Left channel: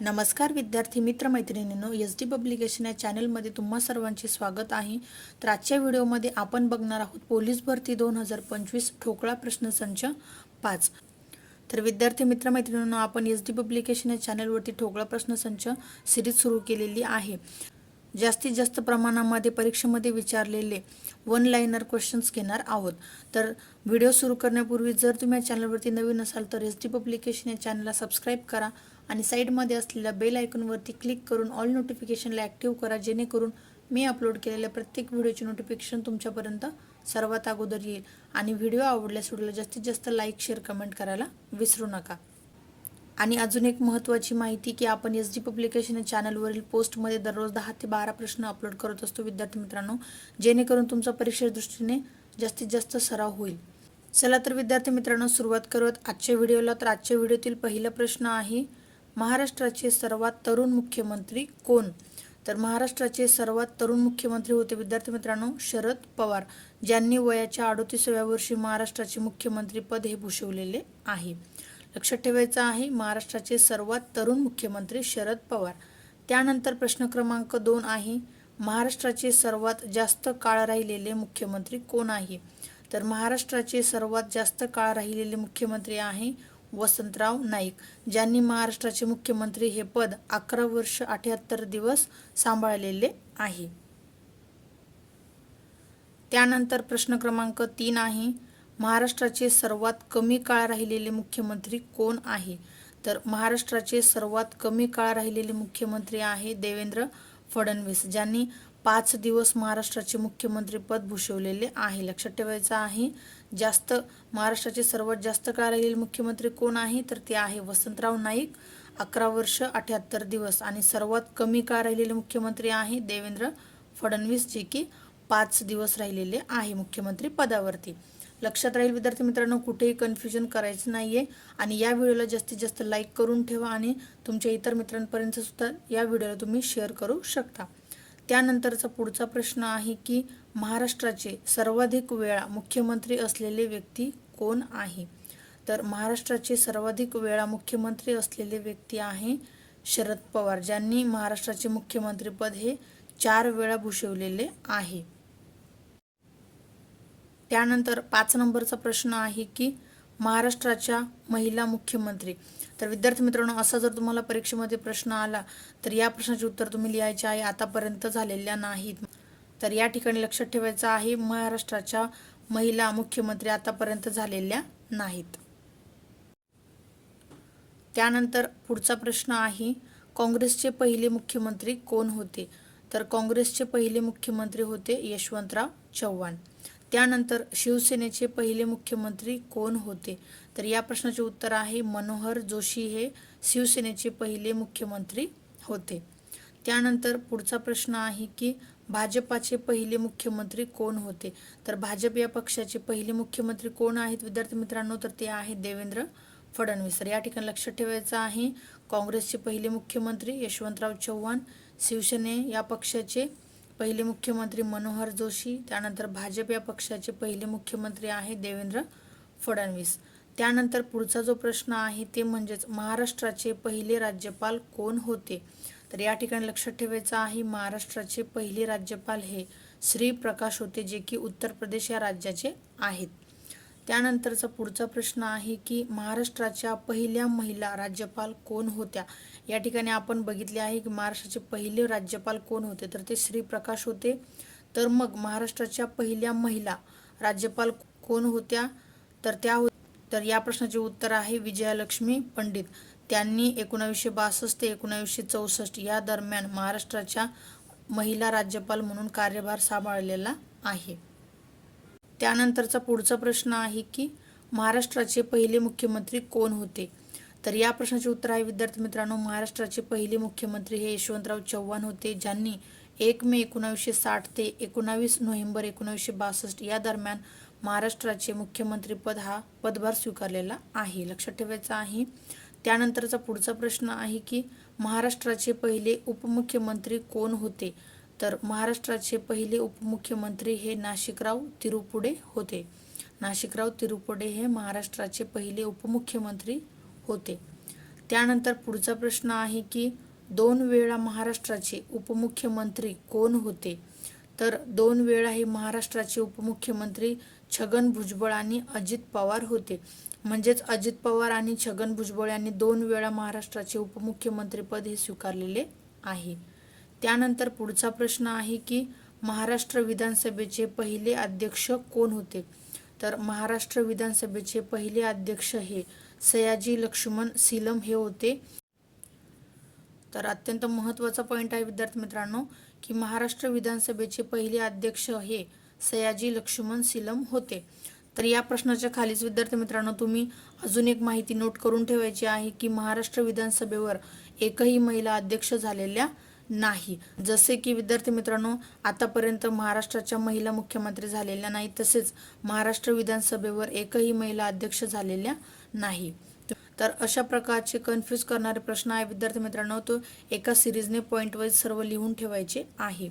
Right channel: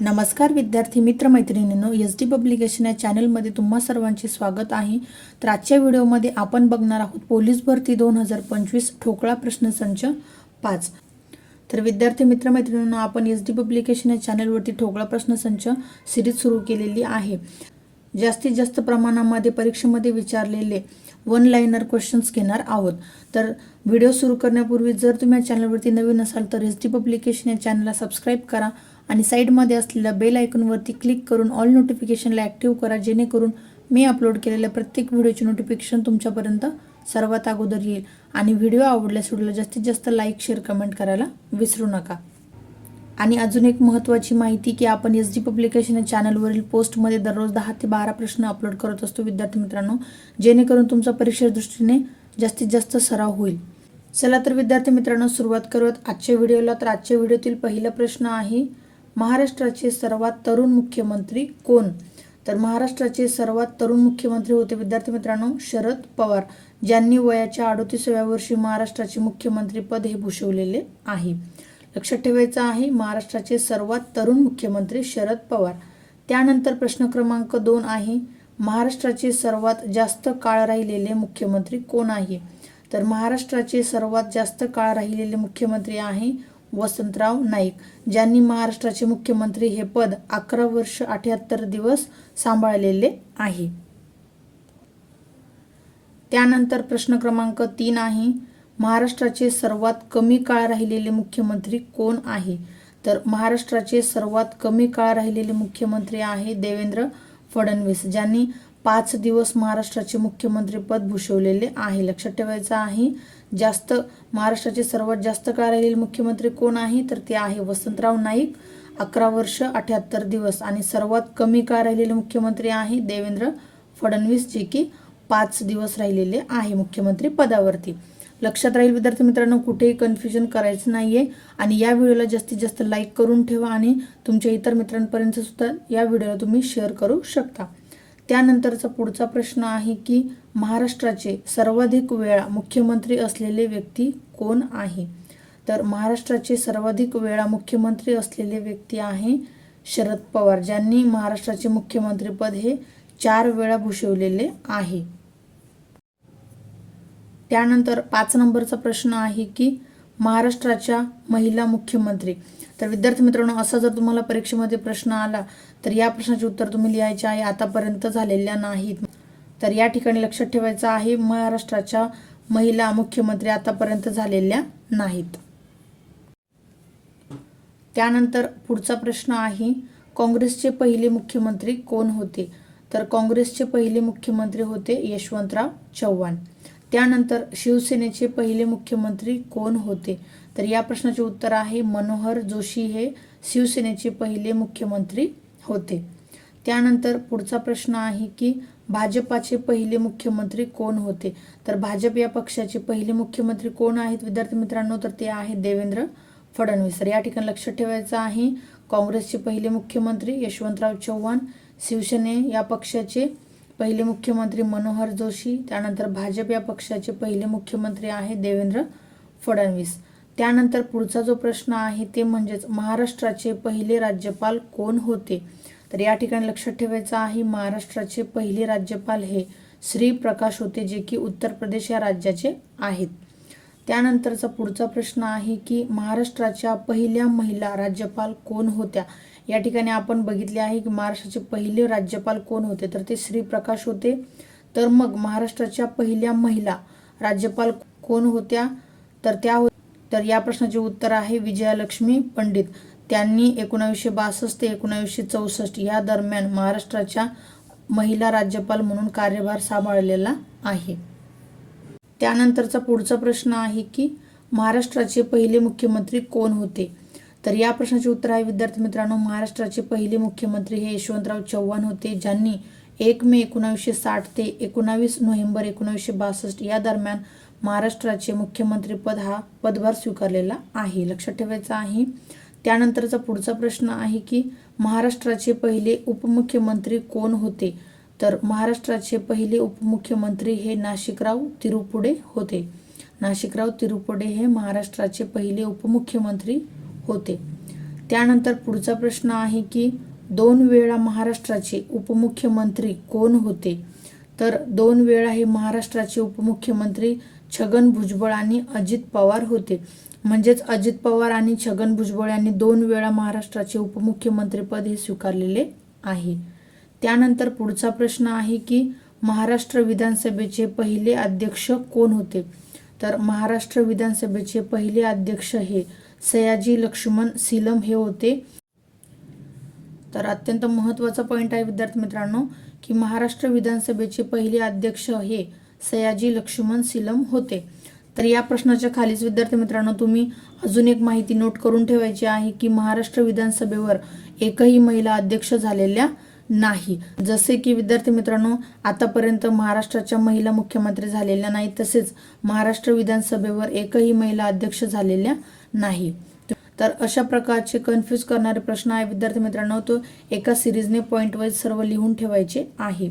नमस्कार विद्यार्थी मित्रमैत्रिणींनो S D publication या चॅनलमध्ये तुम्हा सर्वांचे स्वागत आहे. तर आजच्या व्हिडिओमध्ये आपण बघणार आहोत पोलीस भरती दोन हजार पंचवीस ठोकळा प्रश्नसंच पाच. तर विद्यार्थी मित्रमैत्रिणींनो आपण एस डी पब्लिकेशन या चॅनलवरती ठोकळा प्रश्नसंच सिरीज सुरू केलेली आहे. जास्तीत जास्त प्रमाणामध्ये परीक्षेमध्ये विचारलेले वन लाईनर क्वेश्चन्स घेणार आहोत. तर व्हिडिओ सुरू करण्यापूर्वी जर तुम्ही या चॅनलवरती नवीन असाल तर एस डी पब्लिकेशन या चॅनलला सबस्क्राईब करा. आणि साईडमध्ये असलेल्या बेल आयकॉनवरती क्लिक करून ऑल नोटिफिकेशनला ॲक्टिव्ह करा जेणेकरून मी अपलोड केलेल्या प्रत्येक व्हिडिओचे नोटिफिकेशन तुमच्यापर्यंत सर्वात अगोदर येईल. आणि व्हिडिओ आवडल्यास व्हिडिओला जास्तीत जास्त लाईक शेअर कमेंट करायला विसरू नका. आणि अजून एक महत्त्वाची माहिती की आपण एस डी पब्लिकेशन या चॅनलवरील पोस्टमध्ये दररोज दहा ते बारा प्रश्न अपलोड करत असतो विद्यार्थी मित्रांनो जेणेकरून तुमचा परीक्षे दृष्टीने जास्तीत जास्त सराव होईल. चला तर विद्यार्थी मित्रांनो सुरुवात करत आजच्या व्हिडिओला. तर आजच्या व्हिडिओतील पहिला प्रश्न आहे महाराष्ट्राचे सर्वात तरुण मुख्यमंत्री कोण? तर महाराष्ट्राचे सर्वात तरुण मुख्यमंत्री होते विद्यार्थी मित्रांनो शरद पवार ज्यांनी वयाच्या अडोतीसाव्या वर्षी महाराष्ट्राचे मुख्यमंत्रीपद हे भूषवलेले आहे. लक्षात ठेवायचं आहे महाराष्ट्राचे सर्वात तरुण मुख्यमंत्री शरद पवार. त्यानंतर प्रश्न क्रमांक दोन आहे महाराष्ट्राचे सर्वात जास्त काळ राहिलेले मुख्यमंत्री कोण आहे? तर महाराष्ट्राचे सर्वात जास्त काळ राहिलेले मुख्यमंत्री आहे वसंतराव नाईक ज्यांनी महाराष्ट्राचे मुख्यमंत्री हे पद अकरा वर्ष अठ्याहत्तर दिवस सांभाळलेले आहे. त्यानंतर प्रश्न क्रमांक तीन आहे महाराष्ट्राचे सर्वात कमी काळ राहिलेले मुख्यमंत्री कोण आहे? तर महाराष्ट्राचे सर्वात कमी काळ राहिलेले मुख्यमंत्री आहे देवेंद्र फडणवीस ज्यांनी पाच दिवस महाराष्ट्राचे मुख्यमंत्रीपद भूषवलेले आहे. लक्षात ठेवायचं आहे जास्त महाराष्ट्राचे सर्वात जास्त कार्यालयीन राहिलेले मुख्यमंत्री कोण आहे? तर ते आहे वसंतराव नाईक. अकरा वर्ष अठ्याहत्तर दिवस आणि सर्वात कमी काळ राहिलेले मुख्यमंत्री आहे देवेंद्र फडणवीस जे की पाच दिवस राहिलेले आहे मुख्यमंत्री पदावरती. लक्षात राहील विद्यार्थी मित्रांनो कुठेही कन्फ्युजन करायचं नाही आहे आणि या व्हिडिओला जास्तीत जास्त लाईक करून ठेवा आणि तुमच्या इतर मित्रांपर्यंत सुद्धा या व्हिडिओला तुम्ही शेअर करू शकता. त्यानंतरचा पुढचा प्रश्न आहे की महाराष्ट्राचे सर्वाधिक वेळा मुख्यमंत्री असलेले व्यक्ती कोण आहे? तर महाराष्ट्राचे सर्वाधिक वेळा मुख्यमंत्री असलेले व्यक्ती आहे शरद पवार ज्यांनी महाराष्ट्राचे मुख्यमंत्रीपद हे चार वेळा भूषवलेले आहे. त्यानंतर पाच नंबरचा प्रश्न आहे की महाराष्ट्राच्या महिला मुख्यमंत्री. तर विद्यार्थी मित्रांनो असा जर तुम्हाला परीक्षेमध्ये प्रश्न आला तर या प्रश्नाचे उत्तर तुम्ही लिहायचे आहे. आतापर्यंत झालेल्या नाहीत. तर या ठिकाणी लक्षात ठेवायचं आहे महाराष्ट्राच्या महिला मुख्यमंत्री आतापर्यंत झालेल्या नाहीत. त्यानंतर पुढचा प्रश्न आहे काँग्रेसचे पहिले मुख्यमंत्री कोण होते? तर काँग्रेसचे पहिले मुख्यमंत्री होते यशवंतराव चव्हाण. त्यानंतर शिवसेनेचे पहिले मुख्यमंत्री कोण होते? तर या प्रश्नाचे उत्तर आहे मनोहर जोशी हे शिवसेनेचे पहिले मुख्यमंत्री होते. त्यानंतर पुढचा प्रश्न आहे की भाजपाचे पहिले मुख्यमंत्री कोण होते? तर भाजप या पक्षाचे पहिले मुख्यमंत्री कोण आहेत विद्यार्थी मित्रांनो? तर ते आहेत देवेंद्र फडणवीस. तर या ठिकाणी लक्षात ठेवायचं आहे. काँग्रेसचे पहिले मुख्यमंत्री यशवंतराव चव्हाण शिवसेने या पक्षाचे पहिले मुख्यमंत्री मनोहर जोशी त्यानंतर भाजप या पक्षाचे पहिले मुख्यमंत्री आहे देवेंद्र फडणवीस. त्यानंतर पुढचा जो प्रश्न आहे ते म्हणजेच महाराष्ट्राचे पहिले राज्यपाल कोण होते? तर या ठिकाणी लक्षात ठेवायचं आहे महाराष्ट्राचे पहिले राज्यपाल हे श्री प्रकाश होते जे की उत्तर प्रदेश या राज्याचे आहेत. त्यानंतरचा पुढचा प्रश्न आहे की महाराष्ट्राच्या पहिल्या महिला राज्यपाल कोण होत्या? या ठिकाणी आपण बघितले आहे की महाराष्ट्राचे पहिले राज्यपाल कोण होते? तर ते श्रीप्रकाश होते. तर मग महाराष्ट्राच्या पहिल्या महिला राज्यपाल कोण होत्या? तर त्या हो-, तर या प्रश्नाचे उत्तर आहे विजयालक्ष्मी पंडित. त्यांनी एकोणावीसशे बासष्ट ते एकोणावीसशे चौसष्ट या दरम्यान महाराष्ट्राच्या महिला राज्यपाल म्हणून कार्यभार सांभाळलेला आहे. त्यानंतरचा पुढचा प्रश्न आहे की महाराष्ट्राचे पहिले मुख्यमंत्री कोण होते? तर या प्रश्नाचे उत्तर आहे विद्यार्थी मित्रांनो महाराष्ट्राचे पहिले मुख्यमंत्री हे यशवंतराव चव्हाण होते ज्यांनी एक मे एकोणावीसशे साठ ते एकोणावीस नोव्हेंबर एकोणावीसशे बासष्ट या दरम्यान महाराष्ट्राचे मुख्यमंत्रीपद हा पदभार स्वीकारलेला आहे. लक्षात ठेवायचं आहे त्यानंतरचा पुढचा प्रश्न आहे की महाराष्ट्राचे पहिले उपमुख्यमंत्री कोण होते? तर महाराष्ट्राचे पहिले उपमुख्यमंत्री हे नाशिकराव तिरुपुडे होते. नाशिकराव तिरुपुडे हे महाराष्ट्राचे पहिले उपमुख्यमंत्री होते. त्यानंतर पुढचा प्रश्न आहे की दोन वेळा महाराष्ट्राचे उपमुख्यमंत्री कोण होते? तर दोन वेळा हे महाराष्ट्राचे उपमुख्यमंत्री छगन भुजबळ आणि अजित पवार होते. म्हणजेच अजित पवार आणि छगन भुजबळ यांनी दोन वेळा महाराष्ट्राचे उपमुख्यमंत्रीपद हे स्वीकारलेले आहे. त्यानंतर पुढचा प्रश्न आहे की महाराष्ट्र विधानसभेचे पहिले अध्यक्ष कोण होते? तर महाराष्ट्र विधानसभेचे पहिले अध्यक्ष हे सयाजी लक्ष्मण सिलम हे होते. तर अत्यंत महत्त्वाचा पॉईंट आहे विद्यार्थी मित्रांनो की महाराष्ट्र विधानसभेचे पहिले अध्यक्ष हे सयाजी लक्ष्मण सिलम होते. तर या प्रश्नाच्या खालीच विद्यार्थी मित्रांनो तुम्ही अजून एक माहिती नोट करून ठेवायची आहे की महाराष्ट्र विधानसभेवर एकही महिला अध्यक्ष झालेल्या नाही. जसे की विद्यार्थी मित्रांनो आतापर्यंत महाराष्ट्राच्या महिला मुख्यमंत्री झालेल्या नाही तसेच महाराष्ट्र विधानसभेवर एकही महिला अध्यक्ष झालेल्या नाही. तर अशा प्रकारचे कन्फ्यूज करणारे प्रश्न आहे विद्यार्थी मित्रांनो तो एका सिरीजने पॉईंट वाईज सर्व लिहून ठेवायचे आहे.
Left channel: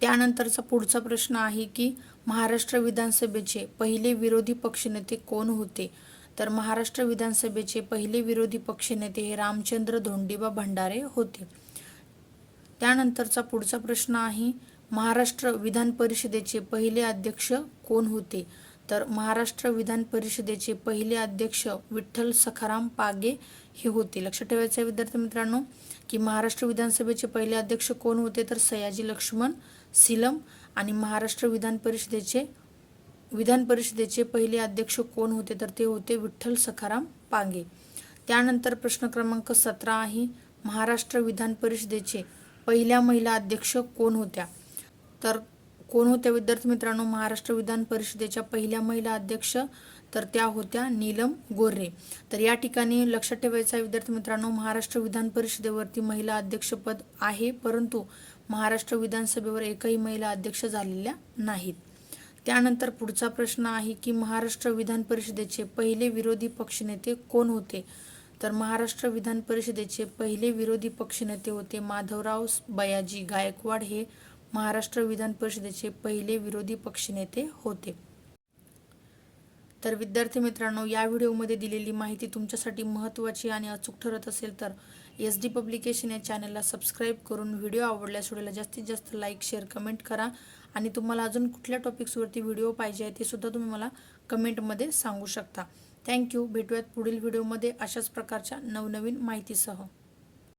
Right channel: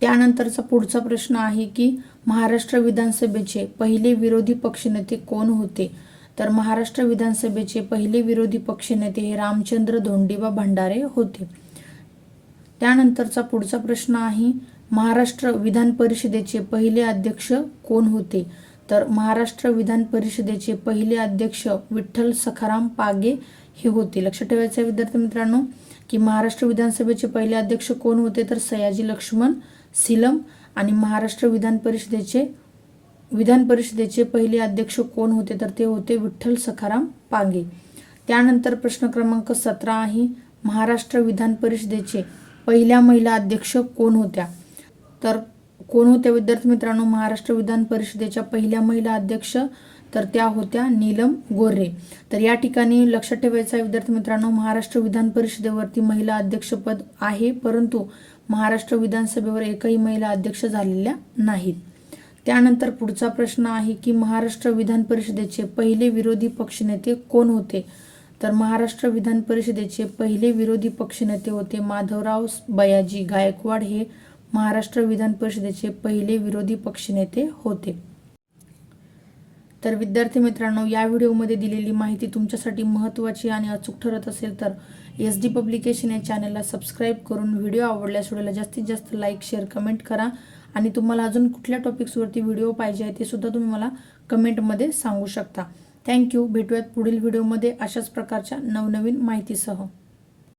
त्यानंतरचा पुढचा प्रश्न आहे की महाराष्ट्र विधानसभेचे पहिले विरोधी पक्षनेते कोण होते? तर महाराष्ट्र विधानसभेचे पहिले विरोधी पक्षनेते हे रामचंद्र धोंडीबा भंडारे होते. त्यानंतरचा पुढचा प्रश्न आहे महाराष्ट्र विधान परिषदेचे पहिले अध्यक्ष कोण होते? तर महाराष्ट्र विधान परिषदेचे पहिले अध्यक्ष विठ्ठल सखाराम पागे हे होते. लक्षात ठेवायचं आहे विद्यार्थी मित्रांनो की महाराष्ट्र विधानसभेचे पहिले अध्यक्ष कोण होते? तर सयाजी लक्ष्मण सिलम आणि महाराष्ट्र विधान परिषदेचे विधान परिषदेचे पहिले अध्यक्ष कोण होते? तर ते होते विठ्ठल सखाराम पागे. त्यानंतर प्रश्न क्रमांक सतरा आहे महाराष्ट्र विधान परिषदेचे पहिल्या महिला अध्यक्ष कोण होत्या? तर कोण होत्या विद्यार्थी मित्रांनो? महाराष्ट्र विधान परिषदेच्या पहिल्या महिला अध्यक्ष तर त्या होत्या नीलम गोरे तर या ठिकाणी लक्षात ठेवायचं आहे विद्यार्थी मित्रांनो महाराष्ट्र विधान परिषदेवरती महिला अध्यक्षपद आहे परंतु महाराष्ट्र विधानसभेवर एकही महिला अध्यक्ष झालेल्या नाहीत. त्यानंतर पुढचा प्रश्न आहे की महाराष्ट्र विधान परिषदेचे पहिले विरोधी पक्षनेते कोण होते? तर महाराष्ट्र विधान परिषदेचे पहिले विरोधी पक्षनेते होते माधवराव बयाजी गायकवाड हे महाराष्ट्र विधान परिषदेचे पहिले विरोधी पक्षनेते होते. तर विद्यार्थी मित्रांनो या व्हिडिओमध्ये दिलेली माहिती तुमच्यासाठी महत्त्वाची आणि अचूक ठरत असेल तर एस डी पब्लिकेशन या चॅनलला सबस्क्राईब करून व्हिडिओ आवडल्यास व्हिडिओला जास्तीत जास्त लाईक शेअर कमेंट करा. आणि तुम्हाला अजून कुठल्या टॉपिक्सवरती व्हिडिओ पाहिजे आहे ते सुद्धा तुम्ही मला कमेंटमध्ये सांगू शकता. थँक्यू भेटूयात पुढील व्हिडिओमध्ये अशाच प्रकारच्या नवनवीन माहितीसह.